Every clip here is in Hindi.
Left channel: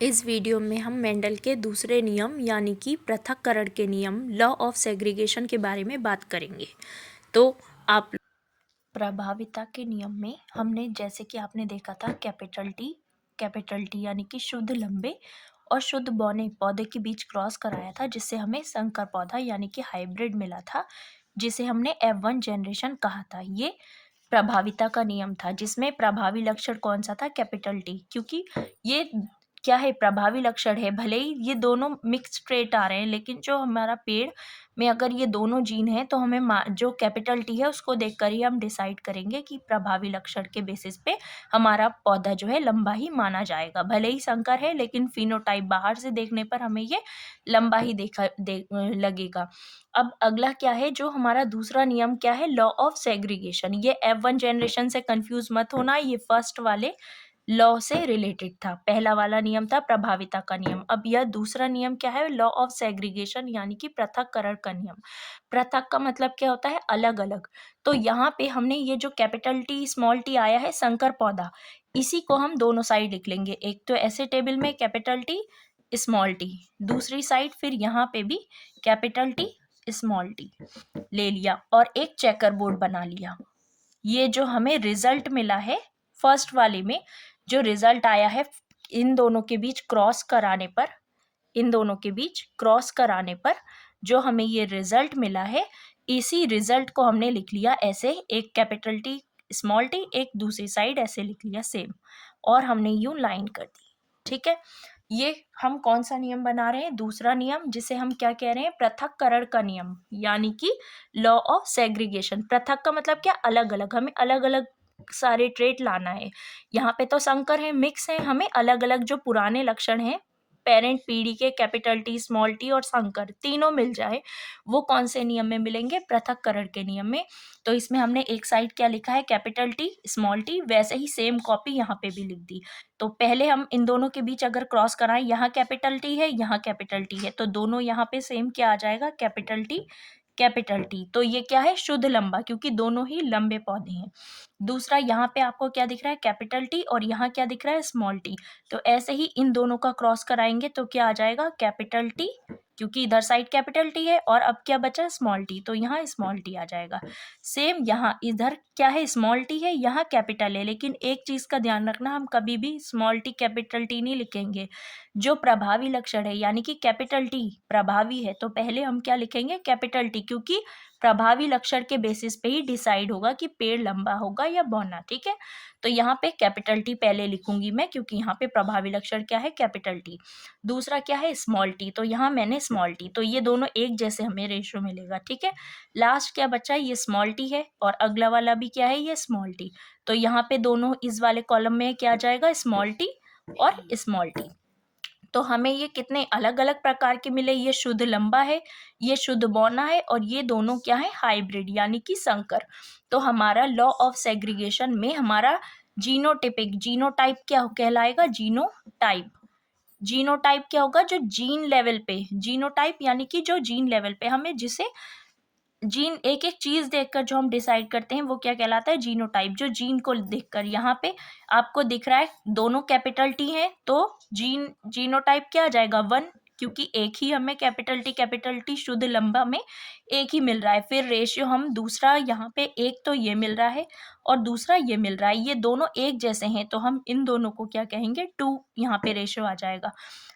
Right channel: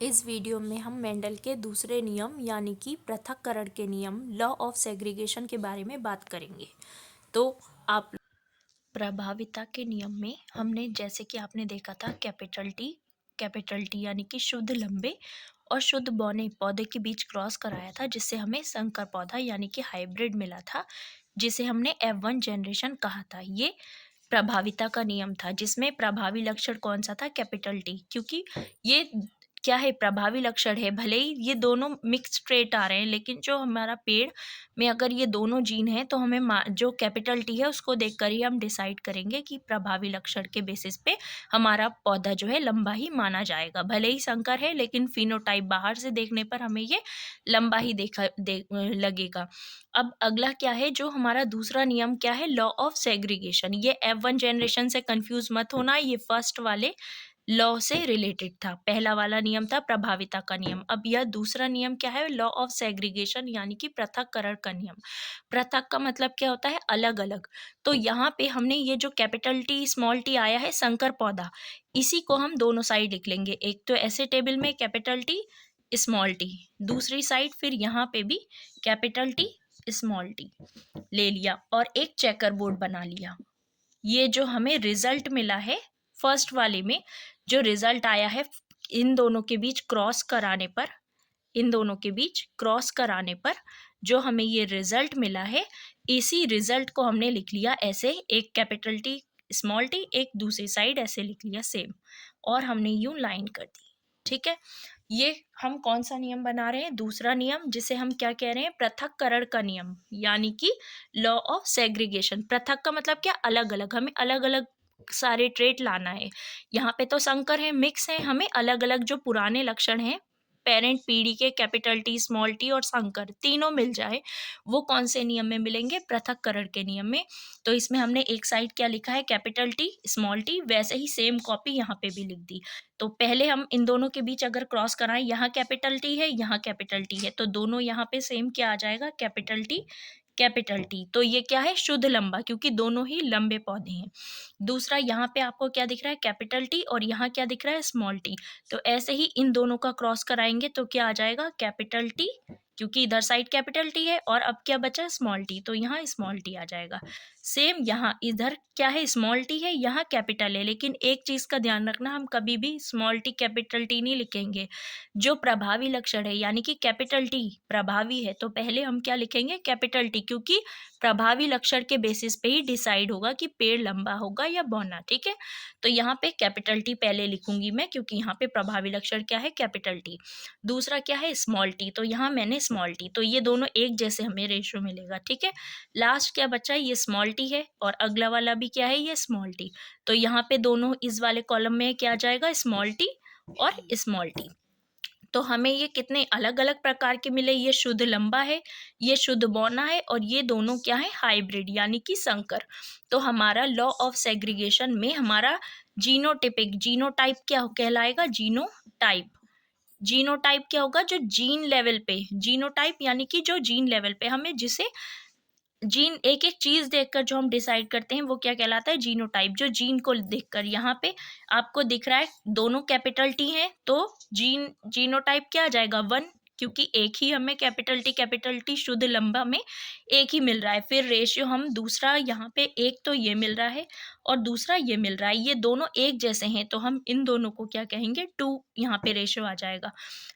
इस वीडियो में हम मेंडल के दूसरे नियम यानी कि पृथक्करण के नियम लॉ ऑफ सेग्रीगेशन के बारे में बात करेंगे। तो आप प्रभाविता के नियम में हमने जैसे कि आपने देखा था कैपिटल टी यानी कि शुद्ध लंबे और शुद्ध बौने पौधे के बीच क्रॉस कराया था, जिससे हमें संकर पौधा यानी कि हाइब्रिड मिला था, जिसे हमने F1 जनरेशन कहा था। ये प्रभाविता का नियम था, जिसमें प्रभावी लक्षण कौन सा था? कैपिटल टी, क्योंकि ये क्या है? प्रभावी लक्षण है। भले ही ये दोनों मिक्स ट्रेट आ रहे हैं, लेकिन जो हमारा पेड़ में अगर ये दोनों जीन है तो हमें जो कैपिटल टी है उसको देखकर ही हम डिसाइड करेंगे कि प्रभावी लक्षण के बेसिस पे हमारा पौधा जो है लंबा ही माना जाएगा। भले ही संकर है, लेकिन फिनोटाइप बाहर से देखने पर हमें ये लंबा ही लगेगा। अब अगला क्या है? जो हमारा दूसरा नियम क्या है? Law of segregation. ये F1 जनरेशन से कंफ्यूज मत होना, ये फर्स्ट वाले लॉ से रिलेटेड था। पहला वाला नियम था प्रभाविता का नियम। अब यह दूसरा नियम क्या है? लॉ ऑफ सेग्रीगेशन यानी कि पृथक्करण का नियम। पृथक का मतलब क्या होता है? अलग अलग। तो यहाँ पे हमने ये जो कैपिटल टी स्मॉल टी आया है संकर पौधा, इसी को हम दोनों साइड लिख लेंगे। एक तो ऐसे टेबल में कैपिटल टी स्मॉल टी, दूसरी साइड फिर यहाँ पे भी कैपिटल टी स्मॉल टी ले लिया और एक चेकर बोर्ड बना लिया। ये जो हमें रिजल्ट मिला है फर्स्ट वाले में, जो रिजल्ट आया है इन दोनों के बीच क्रॉस कराने पर, इन दोनों के बीच क्रॉस कराने पर जो हमें ये रिजल्ट मिला है, इसी रिजल्ट को हमने लिख लिया ऐसे, एक कैपिटल टी स्मॉल टी, एक दूसरी साइड ऐसे लिख लिया सेम, और हमने यूं लाइन कर दी। ठीक है, ये हम कौन सा नियम बना रहे हैं? दूसरा नियम, जिसे हम क्या कह रहे हैं? पृथक्करण का नियम यानी कि लॉ ऑफ सेग्रीगेशन। पृथक का मतलब क्या? अलग अलग। हमें अलग अलग सारे ट्रेट लाना है। यहाँ पे तो संकर है, मिक्स है, हमें अलग अलग जो पुराने लक्षण हैं पेरेंट पीढ़ी के, कैपिटल टी स्मॉल टी और संकर तीनों मिल जाए, वो कौन से नियम में मिलेंगे? पृथक्करण के नियम में। तो इसमें हमने एक साइड क्या लिखा है? कैपिटल टी स्मॉल टी, वैसे ही सेम कॉपी यहाँ पे भी लिख दी। तो पहले हम इन दोनों के बीच अगर क्रॉस कराएं, यहाँ कैपिटल टी है, यहाँ कैपिटल टी है, तो दोनों यहाँ पे सेम क्या आ जाएगा? Capital T. तो ये क्या है? शुद्ध लंबा, क्योंकि दोनों ही लंबे पौधे हैं। दूसरा, यहाँ पे आपको क्या दिख रहा है? कैपिटल टी, और यहाँ क्या दिख रहा है? Small T. तो ऐसे ही इन दोनों का क्रॉस कराएंगे तो क्या आ जाएगा? कैपिटल टी, क्योंकि इधर साइड कैपिटल टी है, और अब क्या बचा? स्मॉल टी, तो यहाँ स्मॉल टी आ जाएगा। सेम यहाँ इधर क्या है? स्मॉल टी है, यहाँ कैपिटल है, लेकिन एक चीज का ध्यान रखना, हम कभी भी स्मॉल टी कैपिटल टी नहीं लिखेंगे। जो प्रभावी लक्षण है यानी कि कैपिटल टी प्रभावी है, तो पहले हम क्या लिखेंगे? कैपिटल टी, क्योंकि प्रभावी लक्षण के बेसिस पे ही डिसाइड होगा कि पेड़ लंबा होगा या बौना। ठीक है, तो यहाँ पे कैपिटल टी पहले लिखूंगी मैं, क्योंकि यहाँ पे प्रभावी लक्षण क्या है? Capital T. दूसरा क्या है? स्मॉल टी, तो यहाँ मैंने स्मॉल टी, तो ये दोनों एक जैसे हमें रेशियो मिलेगा। ठीक है, लास्ट क्या बचा? ये स्मॉल टी है, और अगला वाला भी क्या है? ये स्मॉल टी। तो यहाँ पे दोनों इस वाले कॉलम में क्या आ जाएगा? स्मॉल टी और स्मॉल टी। तो हमें ये कितने अलग अलग प्रकार के मिले? ये शुद्ध लंबा है, ये शुद्ध बौना है, और ये दोनों क्या है? हाइब्रिड यानी कि संकर। तो हमारा लॉ ऑफ सेग्रीगेशन में हमारा जीनोटिपिक, जीनोटाइप क्या कहलाएगा? जीनोटाइप। जीनोटाइप क्या होगा? जो जीन लेवल पे, जीनोटाइप यानी कि जो जीन लेवल पे हमें जिसे जीन, एक एक चीज देखकर जो हम डिसाइड करते हैं वो क्या कहलाता है? जीनोटाइप। जो जीन को देखकर, यहाँ पे आपको दिख रहा है दोनों कैपिटल टी है, तो जीनोटाइप क्या आ जाएगा? 1, क्योंकि एक ही हमें कैपिटल टी शुद्ध लंबा में एक ही मिल रहा है। फिर रेशियो हम दूसरा, यहाँ पे एक तो ये मिल रहा है और दूसरा ये मिल रहा है, ये दोनों एक जैसे हैं, तो हम इन दोनों को क्या कहेंगे? 2, यहाँ पे रेशियो आ जाएगा।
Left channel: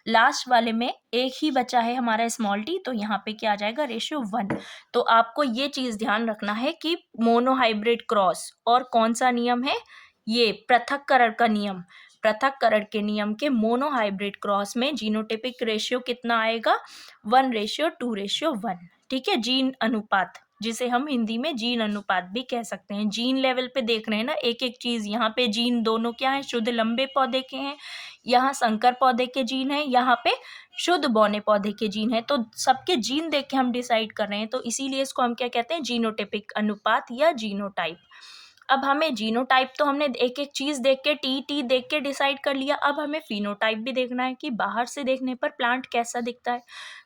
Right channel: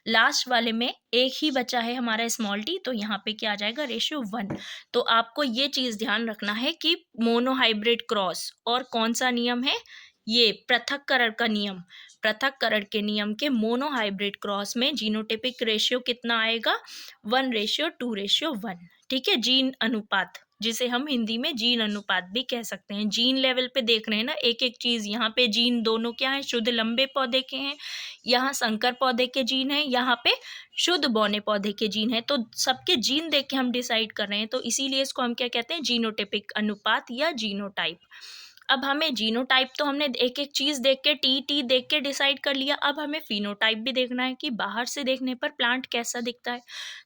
लास्ट वाले में एक ही बचा है हमारा स्मॉल टी, तो यहाँ पे क्या आ जाएगा? रेशियो 1। तो आपको ये चीज ध्यान रखना है कि मोनोहाइब्रिड क्रॉस और कौन सा नियम है? ये पृथक्करण का नियम। पृथक्करण के नियम के मोनोहाइब्रिड क्रॉस में जीनोटिपिक रेशियो कितना आएगा? 1:2:1। ठीक है, जीन अनुपात, जिसे हम हिंदी में जीन अनुपात भी कह सकते हैं। जीन लेवल पे देख रहे हैं ना एक एक चीज। यहाँ पे जीन दोनों क्या है? शुद्ध लंबे पौधे के हैं, यहाँ संकर पौधे के जीन है, यहाँ पे शुद्ध बौने पौधे के जीन है। तो सबके जीन देख के हम डिसाइड कर रहे हैं, तो इसीलिए इसको हम क्या कहते हैं? जीनोटिपिक अनुपात या जीनोटाइप। अब हमें जीनोटाइप तो हमने एक एक चीज देख के टी देख के डिसाइड कर लिया, अब हमें फिनोटाइप भी देखना है कि बाहर से देखने पर प्लांट कैसा दिखता है।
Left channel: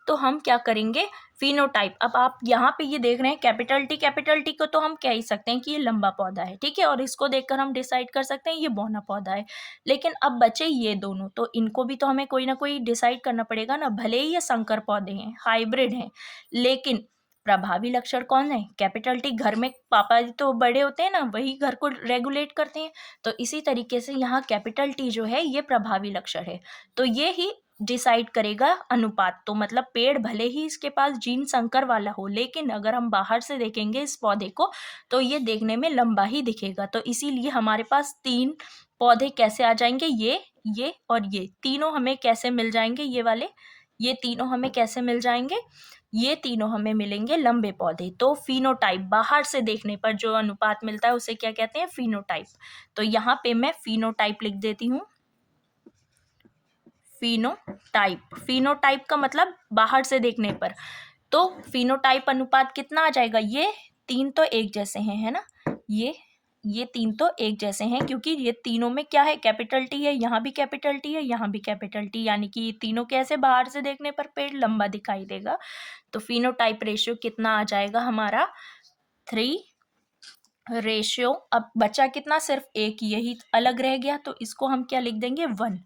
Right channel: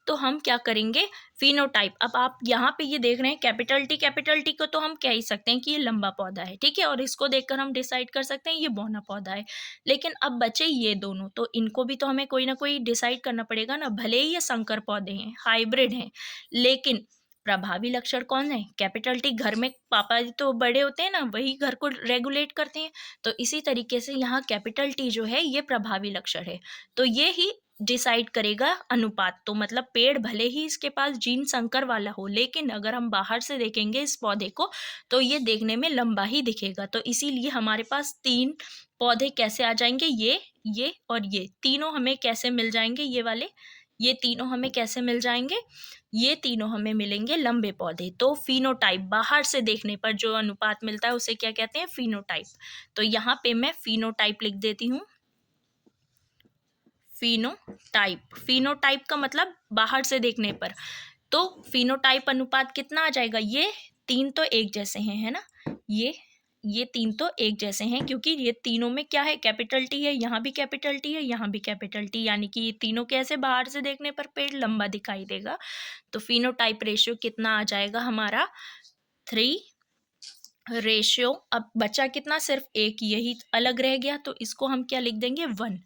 तो हम क्या करेंगे, फिनोटाइप। अब आप यहाँ पे ये देख रहे हैं कैपिटल टी को तो हम कह ही सकते हैं कि ये लंबा पौधा है, ठीक है, और इसको देखकर हम डिसाइड कर सकते हैं ये बौना पौधा है। लेकिन अब बचे ये दोनों, तो इनको भी तो हमें कोई ना कोई डिसाइड करना पड़ेगा ना, भले ही ये संकर पौधे हैं, हाइब्रिड हैं, लेकिन प्रभावी लक्षण कौन है, कैपिटल टी। घर में पापा जी तो बड़े होते हैं ना, वही घर को रेगुलेट करते हैं। तो इसी तरीके से यहाँ कैपिटल टी जो है ये प्रभावी लक्षण है। तो ये ही डिसाइड करेगा अनुपात। तो मतलब पेड़ भले ही इसके पास जीन संकर वाला हो, लेकिन अगर हम बाहर से देखेंगे इस पौधे को तो ये देखने में लंबा ही दिखेगा। तो इसीलिए हमारे पास 3 पौधे कैसे आ जाएंगे, ये और ये तीनों हमें कैसे मिल जाएंगे, ये वाले, ये तीनों हमें कैसे मिल जाएंगे, ये तीनों हमें मिलेंगे लंबे पौधे। तो फिनोटाइप, बाहर से देखने पर जो अनुपात मिलता है उसे क्या कहते हैं, फिनोटाइप। तो यहाँ पे मैं फिनोटाइप लिख देती हूँ, फिनोटाइप। फिनोटाइप का मतलब बाहर से देखने पर। तो फिनोटाइप अनुपात कितना आ जाएगा, ये 3 तो एक जैसे हैं, है ना, ये 3 तो एक जैसे हैं, क्योंकि ये तीनों में क्या है, कैपिटल टी है, यहाँ भी कैपिटल टी है, यहाँ भी कैपिटल टी, यानी कि ये तीनों कैसे बाहर से देखने पर पेड़ लंबा दिखाई देगा। तो फिनोटाइप रेशियो कितना आ जाएगा हमारा, 3 रेशियो। अब बचा कितना, सिर्फ एक, यही अलग रह गया, तो इसको हम क्या लिख देंगे, 1।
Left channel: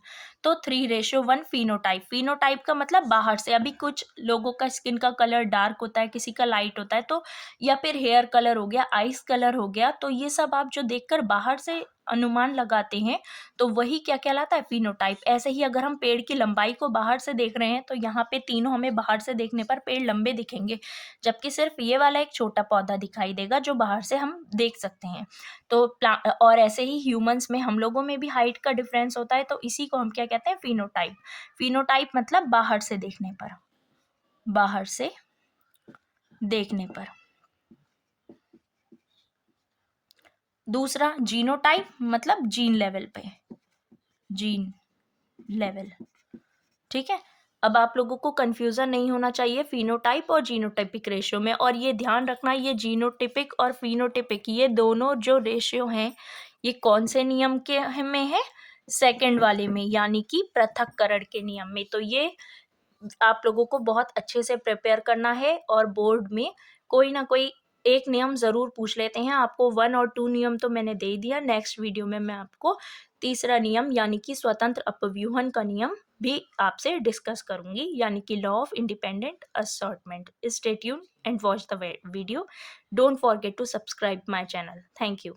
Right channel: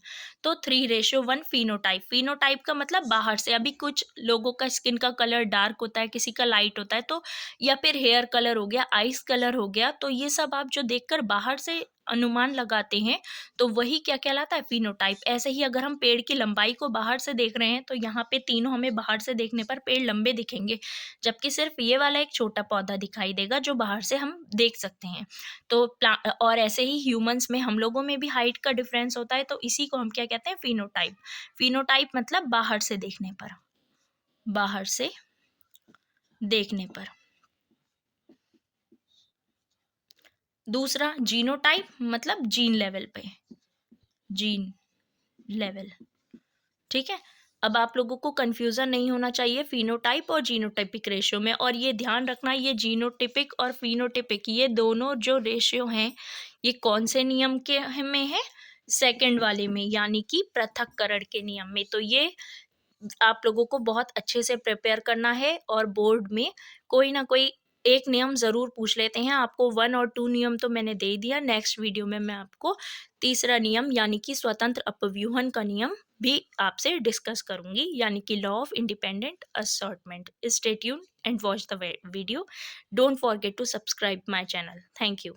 तो 3:1 फिनोटाइप। फिनोटाइप का मतलब बाहर से। अभी कुछ लोगों का स्किन का कलर डार्क होता है, किसी का लाइट होता है, तो या फिर हेयर कलर हो गया, आइस कलर हो गया, तो ये सब आप जो देखकर बाहर से अनुमान लगाते हैं तो वही क्या कहलाता है, फिनोटाइप। ऐसे ही अगर हम पेड़ की लंबाई को बाहर से देख रहे हैं तो यहाँ पे तीनों हमें बाहर से देखने पर पेड़ लंबे दिखेंगे, जबकि सिर्फ ये वाला एक छोटा पौधा दिखाई देगा जो बाहर से हम देख सकते हैं। तो और ऐसे ही ह्यूमंस में, हम लोगों में भी हाइट का डिफरेंस होता है, तो इसी को हम क्या कहते हैं, फिनोटाइप। फिनोटाइप मतलब बाहर से देखने पर, बाहर से देखने पर। दूसरा जीनोटाइप मतलब जीन लेवल पे, जीन लेवल, ठीक है। अब आप लोगों को कंफ्यूजन नहीं होना चाहिए फिनोटाइप और जीनोटाइपिक रेशियो में, और ये ध्यान रखना, ये जीनोटिपिक और फिनोटिपिक ये दोनों जो रेशियो हैं ये कौन से नियम के में है, सेकंड वाले में, यानी कि पृथक्करण के नियम में। तो ये आप लोगों को बहुत अच्छे से प्रिपेयर करना है, और बोर्ड में कोई ना कोई एक नियम जरूर पूछ लेते हैं। आपको 1 और 2 नियम तो मैंने दे दिया, नेक्स्ट वीडियो में मैं आपको तीसरा नियम यानी कि स्वतंत्र अपव्यूहन का नियम भी आपसे डिस्कस करूंगी, यानी कि law of independent assortment. Stay tuned and watch the video. Don't forget to subscribe my channel. Thank you.